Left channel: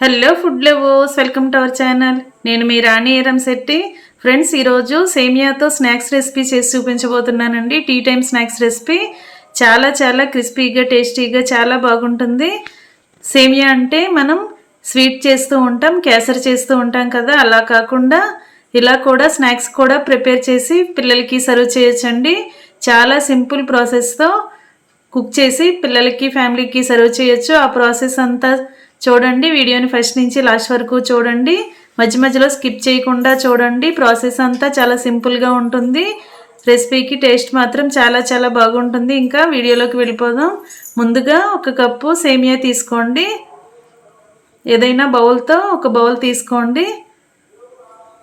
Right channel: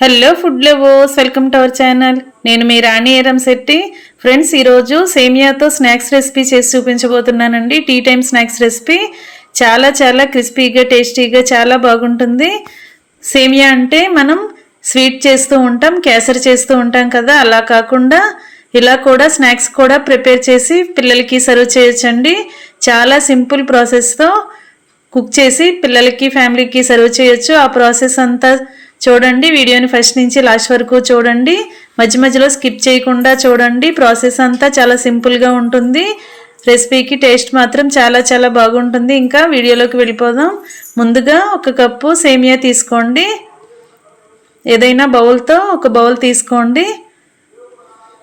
Hello food lovers, welcome to our channel. నేను మీ రాణి Eramsetti. Friends, ఈరోజు సేమియాతో snacks recipe చేసి చూపించబోతున్నానండి. Tea time snacks recipe చాలా చాలా క్రిస్పీగా టేస్టీగా చాలా బాగుంటుంది. సేమియా అంటే మనం స్వీట్ చేస్తూ ఉంటాం, కేసరి చేస్తూ ఉంటాం కదా, అలా కాకుండా ఇలా కూడా స్నాక్స్ కూడా ప్రిపేర్ చేసి పిల్లలకి సర్వ్ చేయొచ్చండి. చాలా సింపుల్ ప్రాసెస్తో కుక్ చేసి పిల్లలకి ఫ్యామిలీకి సర్వ్ చేయొచ్చు. ఆ ప్రాసెస్ అంతా చూడండి. వీడియోని ఫస్ట్ నుంచి లాస్ట్ వరకు చూడండి, మధ్య మధ్యలో స్కిప్ చేయకుండా చూడండి. ప్రాసెస్ అంతా చాలా సింపుల్గా ఉంటుంది. రెసిపీకి టేస్ట్ మాత్రం చాలా చాలా బాగుంటుంది. ఇంకా వీడియోలోకి వెళ్ళిపోదాం. ముందుగా 1 కప్పు సేమియా తీసుకోండి. ఏదైనా బౌల్తో ఒక బౌల్ తీసుకోండి.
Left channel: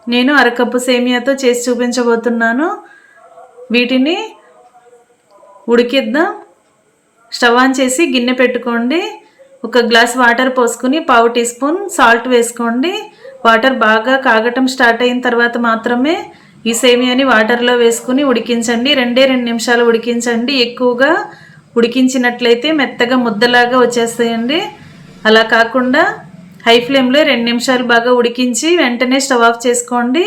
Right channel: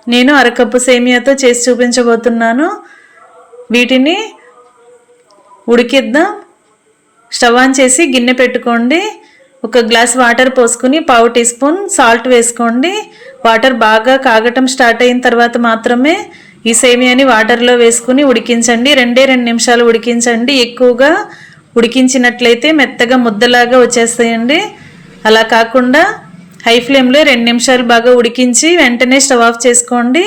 నేను 1/2 కప్పు సేమియాతో చేసి చూపించబోతున్నాను. వీటిని ఉడికిద్దాం. స్టవ్ ఆన్ చేసి గిన్నె పెట్టుకోండి. 1 గ్లాస్ వాటర్ పోసుకుని 1/2 టీ స్పూన్ సాల్ట్ వేసుకోండి. వాటర్ బాగా కాగటం స్టార్ట్ అయిన తర్వాత మాత్రమే ఈ సేమియాని వాటర్లో వేసుకుని ఉడికించండి. 2 నిమిషాలు ఉడికించండి. ఎక్కువగా ఉడికించినట్లయితే మెత్తగా ముద్దలాగా వచ్చేస్తాయండి. అలా కాకుండా హై ఫ్లేమ్లో 2 నిమిషాలు బాగా ఉడికించి వెంటనే స్టవ్ ఆఫ్ చేసుకోండి.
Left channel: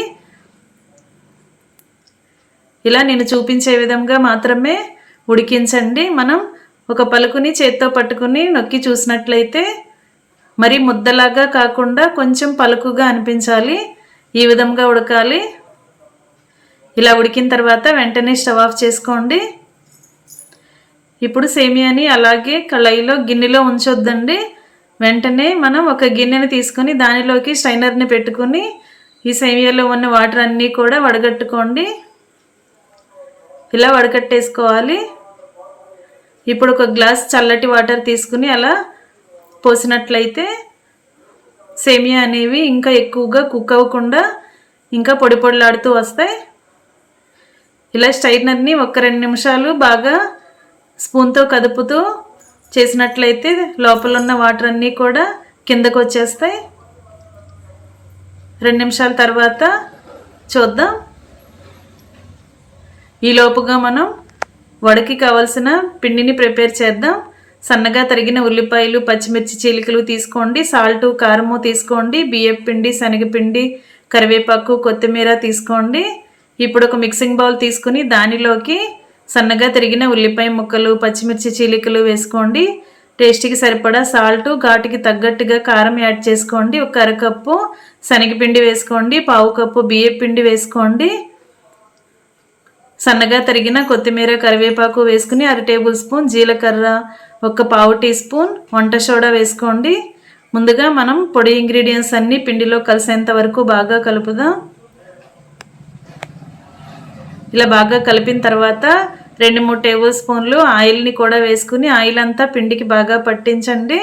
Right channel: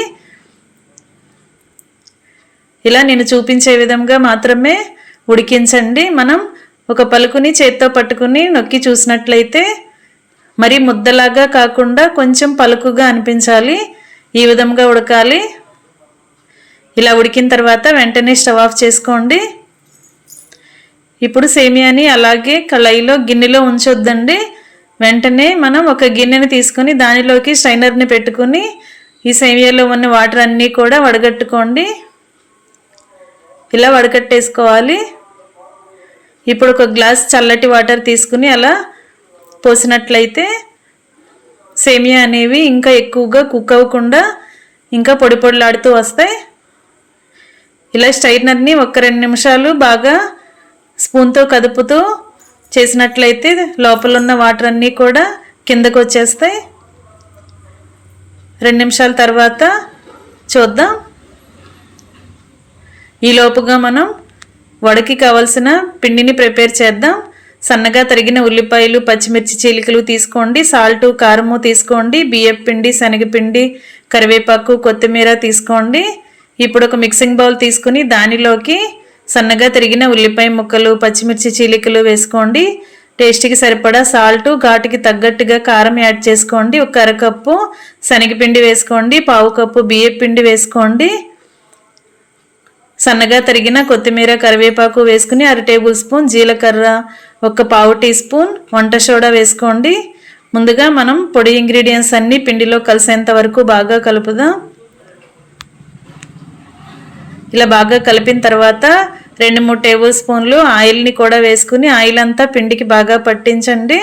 ఇలా నేను చూపించే విధంగా మాత్రమే ఉడికించండి. మనం ఒక పలుకుని చేత్తో పట్టుకుని నొక్కి చూసినట్లయితే మరి ముద్దలాగా కాకుండా కొంచెం పలుకుగా అనిపించాలి. ఈ విధంగా ఉడకాలి. ఇలా ఉడికిన తర్వాత వెంటనే స్టవ్ ఆఫ్ చేసుకోండి. ఇప్పుడు సేమియాని అలాగే కళాయిలో గిన్నెలో ఉంచొద్దండి. వెంటనే మనం ఒక గిన్నెని తీసుకొని దానిలోకి స్ట్రైనర్ని పెట్టుకుని ఈ సేమియాలో ఉన్న వాటర్ అన్నీ కూడా వడగట్టుకోండి. ఇలా వడగట్టేసుకోవాలి. ఇప్పుడు 1 గ్లాస్ చల్లటి వాటర్ తీసుకుని అలా పోసినట్లయితే సేమియా అనేవి ఇంకా ఎక్కువగా కుక్ అవ్వకుండా ఇంకా పొడి పొడిలాడుతూ వస్తాయి. ఇలా స్ట్రైనర్ని 1-2 నిమిషాలు బాగా స్పూన్తో కదుపుతూ చేసినట్లయితే లోపల ఉన్న వాటర్ అన్నీ కూడా కిందకు వచ్చేస్తాయి. 2 నిమిషాల తర్వాత చూద్దాం. ఈలోపుగా మనం వడకి కావాల్సిన పిండిని ప్రిపేర్ చేద్దాం. సన్నగా తరిగిన ఉల్లిపాయలు, పచ్చిమిర్చి చీలికలు తీసుకోండి. సాల్ట్, కారము తీసుకోండి. బియ్యం పిండి, శనగపిండి, కరివేపాకు, కొత్తిమీర తీసుకోండి. ఇప్పుడు ఒక మిక్సింగ్ బౌల్ తీసుకుని దానిలోకి సన్నగా తరిగిన ఉల్లిపాయ ముక్కలు, పచ్చిమిర్చి చీలికలు వేసుకోండి. టేస్ట్కి సరిపడా సాల్ట్, ఘాటుకి తగ్గట్టుగా కారం యాడ్ చేసుకోండి. 1 అరకప్పు శనగపిండి వేసుకోండి. 1/2 కప్పు బియ్యం పిండి వేసుకోండి. సన్నగా తరిగిన కొత్తిమీర, కరివేపాకు వేసుకుని 1/2 టేబుల్ స్పూన్ జీలకర్ర, 1/4 టీ స్పూన్ వంట సోడా వేసుకోండి. ముందుగా మనం పొడి ఇంగ్రీడియంట్స్ అన్నీ పిండిలో కలిసేంత వరకు బాగా కలుపుదాం. ఇలా బాగా కలిపిన తర్వాత 2-3 టేబుల్ స్పూన్లు ఆయిల్ని కూడా వేసుకుని ఆయిల్ అంతా పిండికి బాగా పట్టించండి.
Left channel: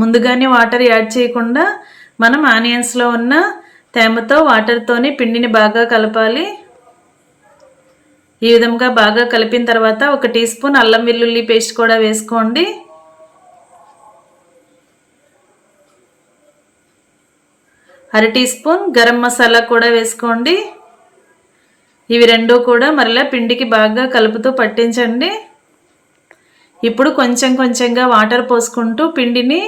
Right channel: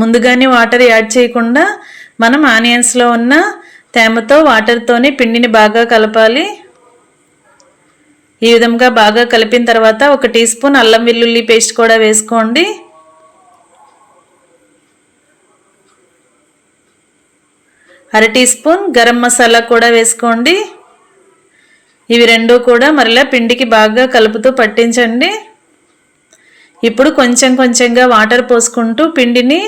ముందుగానే వాటర్ యాడ్ చేయకుండా మనం ఆనియన్స్లో ఉన్న తేమతో వాటర్తోనే పిండిని బాగా కలపాలి. ఈ విధంగా బాగా కలిపిన తర్వాత 1 టీ స్పూన్ అల్లం వెల్లుల్లి పేస్ట్ కూడా వేసుకోండి. అర టీ స్పూన్ గరం మసాలా కూడా వేసుకోండి. ఇవి రెండూ కూడా మరలా పిండికి బాగా కలుపుతూ పట్టించండి. ఇప్పుడు కొంచెం కొంచెంగా వాటర్ పోసుకుంటూ పిండిని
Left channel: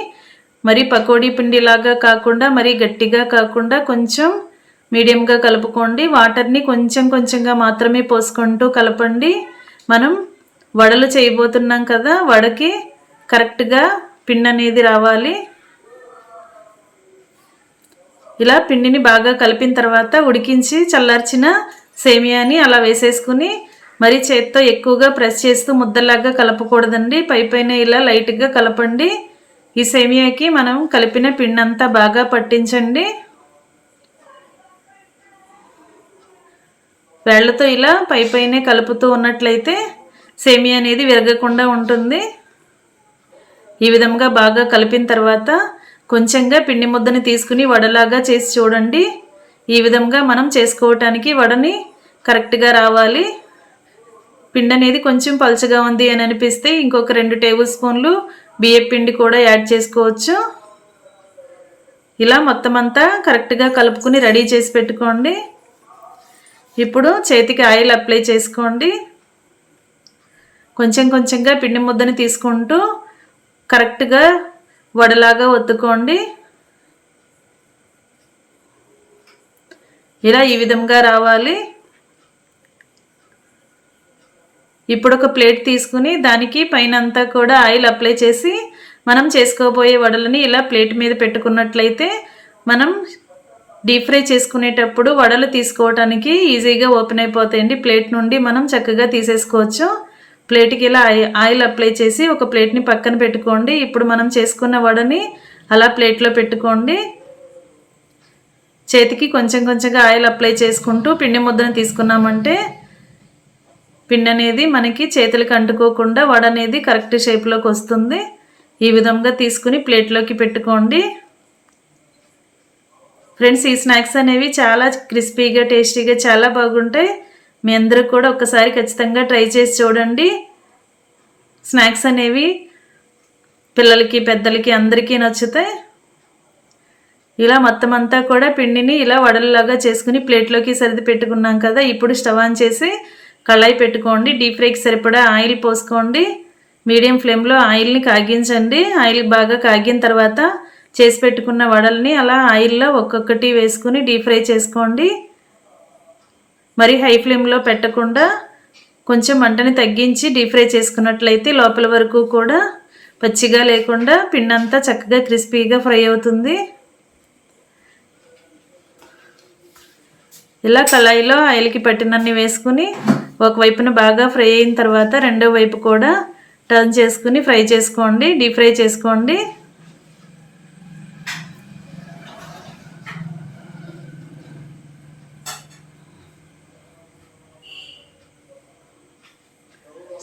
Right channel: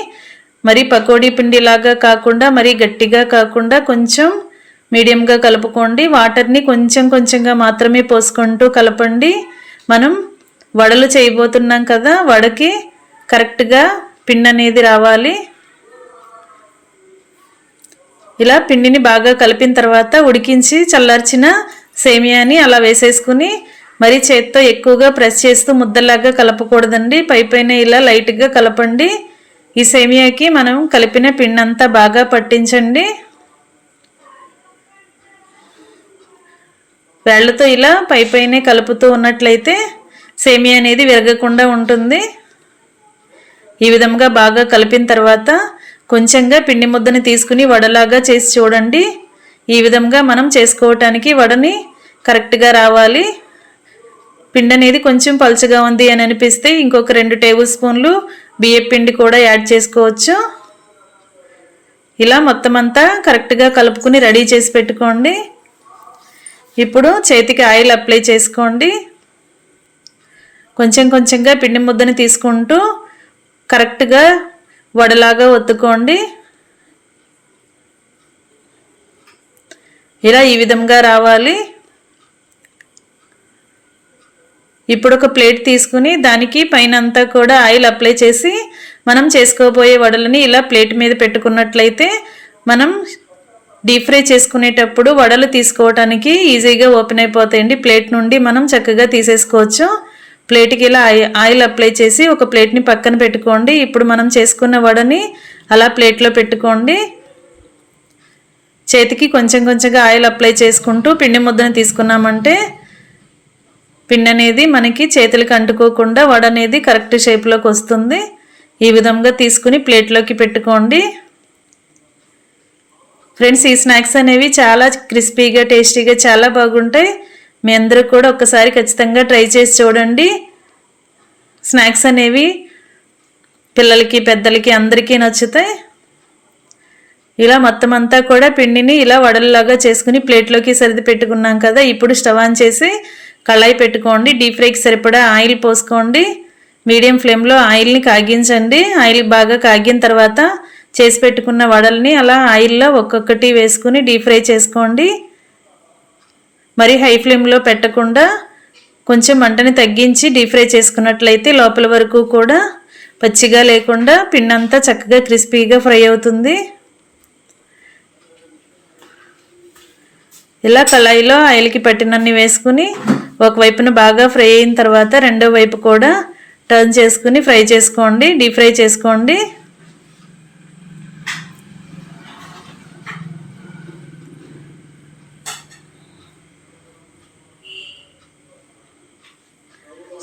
మరి పకోడీ పిండిలాగా కాకుండా మరి గట్టిగా కాకుండా కొంచెం మీడియంగా కలుపుకోండి. వాటర్ని కొంచెం కొంచెంగా మాత్రమే పోసుకుంటూ కలపండి. మనం వడలు చేయబోతున్నాం కదా, వడకి కరెక్ట్గా పిండి అనేది రావాలి. ఇలా పిండిని బాగా కలిపిన తర్వాత ఉడికించి చల్లార్చిన సేమియాని అలా వేసేసుకుని మరి చేత్తో ఎక్కువగా ప్రెస్ చేస్తూ ముద్దలాగా కలపకూడదండి. పైపైన ఇలా లైట్గా కలపండి. ఈ సేమియాకి మనం కలిపిన పిండి అంతా బాగా పట్టించండి. వేళ్లతో ఇలా పైపైనే కలుపుతూ ఉన్నట్లయితే సేమియా అనేది విరగకుండా ఉంటుంది. ఈ విధంగా బాగా కలిపిన తర్వాత కొంచెంగా పిండి ముద్దని తీసుకుని వడలాగా చేసి చూడండి. ఈ విధంగా మనం చేసుకోవటానికి వడని కరెక్ట్గా రావాలి. పిండి అనేది కొంచెం పలుచగా ఉంది అని అనిపిస్తే ఇంకొక 2 టేబుల్ స్పూన్లు బియ్యం పిండి కూడా యాడ్ చేసుకోవచ్చు. ఇలా మొత్తం అంతా కరెక్ట్గా కలుపుకుని రెడీ చేసి పెట్టుకోండి. ఇప్పుడు చేతికి ఆయిల్ అప్లై చేసుకోండి. కొంచెం కొంచెంగా పిండి ముద్దని తీసుకుంటూ కరెక్ట్గా వడలాగా ఒత్తుకోండి. ఇలా ఈ విధంగా రావాలి. ఇప్పుడు ఒక ప్లేట్ తీసుకుని దానికి పైన అంతా కూడా ఆయిల్ అప్లై చేసి మనం చేసుకోబోయే వడలని ఇలా ప్లేట్ మీద పెట్టుకున్నట్లయితే మనం డీప్ ఫ్రై చేసుకునేటప్పుడు వడలు తీసుకోవడానికి ఈజీగా ఓపెన్ అయిపోతాయండి. ప్లేట్ నుండి మనం చక్కగా తీసేసుకోవచ్చు. ప్లేట్కి ఇలా ఆయిల్ అప్లై చేసి ఒక ప్లేట్ని పక్కన పెట్టుకోండి. ఇప్పుడు మనం చేసుకున్న వడని అలా ప్లేట్లో పెట్టుకోండి. చేతికి కొంచెం కొంచెంగా ఆయిల్ అప్లై చేసుకుంటూ పిండి ముద్దను తీసుకున్నామంటే పిండి అనేది మనకి చేతులకు అంటుకోకుండా వడ అనేది కరెక్ట్ షేప్లోకి వస్తుంది. ఈ విధంగా తీసుకుని ప్లేట్లోకి పెట్టుకోండి. ఫ్రెండ్స్, ఈ స్నాక్స్ అనేవి చాలా క్రిస్పీగా టేస్టీగా చాలా బాగుంటాయి. మీ అందరూ కూడా ఒక్కసారి ఖచ్చితంగా ట్రై చేసి చూడండి. స్నాక్స్ అనేవి పిల్లలకి పెద్దలకి అందరికీ నచ్చుతాయి. ఇలా మొత్తం అంతా కూడా పిండిని ఇలా వడల్లాగా చేసుకుని ప్లేట్లోకి సర్ది పెట్టుకున్నాం కదా. ఇప్పుడు స్టవ్ ఆన్ చేసి కళాయి పెట్టుకోండి. డీప్ ఫ్రైకి సరిపడా ఆయిల్ పోసుకోండి. మీడియం ఫ్లేమ్లో ఆయిల్ని కాగించండి. ఆయిల్ బాగా కాగిన తర్వాత చేసి పెట్టుకున్న వడల్ని అలా ఆయిల్లో ఒక్కొక్కటి వేసుకుని డీప్ ఫ్రై చేసుకోండి. మరి హై ఫ్లేమ్లో పెట్టకుండా కొంచెం మంటని తగ్గించి డీప్ ఫ్రై చేసుకున్నట్లయితే లోపల వరకు కూడా పచ్చిగా లేకుండా పిండి అంతా చక్కగా క్రిస్పీగా ఫ్రై అవుతుంది. ఇలా కళాయిలో ఆయిల్కి పట్టినన్ని వేసుకుని ఒకవైపున బాగా ఫ్రై అయిన తర్వాత రెండో వైపు కూడా టర్న్ చేసుకుని ఫ్రై చేసుకోండి. డీప్ ఫ్రై చేసుకోండి.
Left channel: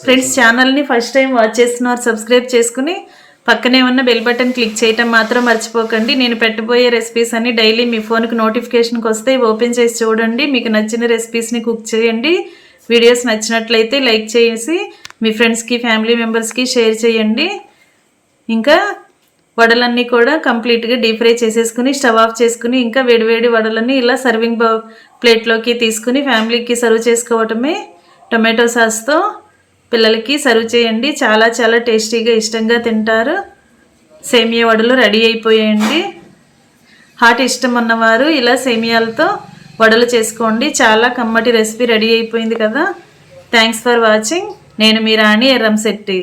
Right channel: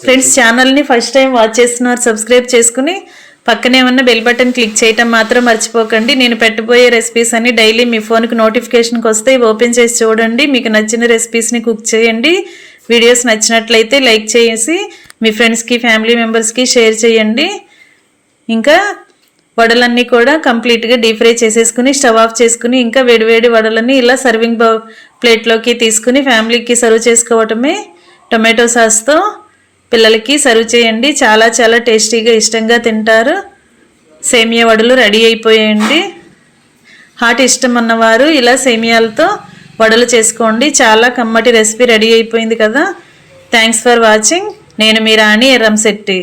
ఫ్రెండ్స్, ఛానల్ని ఫస్ట్ టైం వాచ్ చేస్తున్నారు సబ్స్క్రైబ్ చేసుకుని పక్కనే ఉన్న బెల్ బటన్ క్లిక్ చేయటం మాత్రం మర్చిపోకండి. నేను పెట్టబోయే రెసిపీస్ అన్ని డైలీ మీ ఫోన్కి నోటిఫికేషన్కి వస్తే ఓపెన్ చేసి చూడండి. మీకు నచ్చిన రెసిపీస్ని కుక్ చేయండి. వీడియోస్ నచ్చినట్లయితే లైక్ చేసి మీ ఫ్రెండ్స్కి ఫ్యామిలీ మెంబర్స్కి షేర్ చేయండి. ఇంకా వడలన్నీ కూడా కంప్లీట్గా డీప్ ఫ్రై చేసేసుకుని స్టవ్ ఆఫ్ చేసుకుని ఇంకా వేడివేడి వడలని ఇలా సర్వింగ్ ప్లేట్లోకి తీసుకుని ఫ్యామిలీకి సర్వ్ చేసుకోవటమే. టొమాటో సాస్తో పిల్లలకి సర్వ్ చేయండి. చాలా చాలా టేస్టీగా ఇష్టంగా తింటారు. సేమియా వడలు రెడీ అయిపోయాయండి. హాట్ ఇష్టం ఉన్నవారు ఇలా సేమియాలతో వడలు చేసుకోండి. చాలా కమ్మటి రెసిపీ రెడీ అయిపోయింది కదా. Thanks for watching. నేను మీ రాణి ఎర్రంశెట్టి.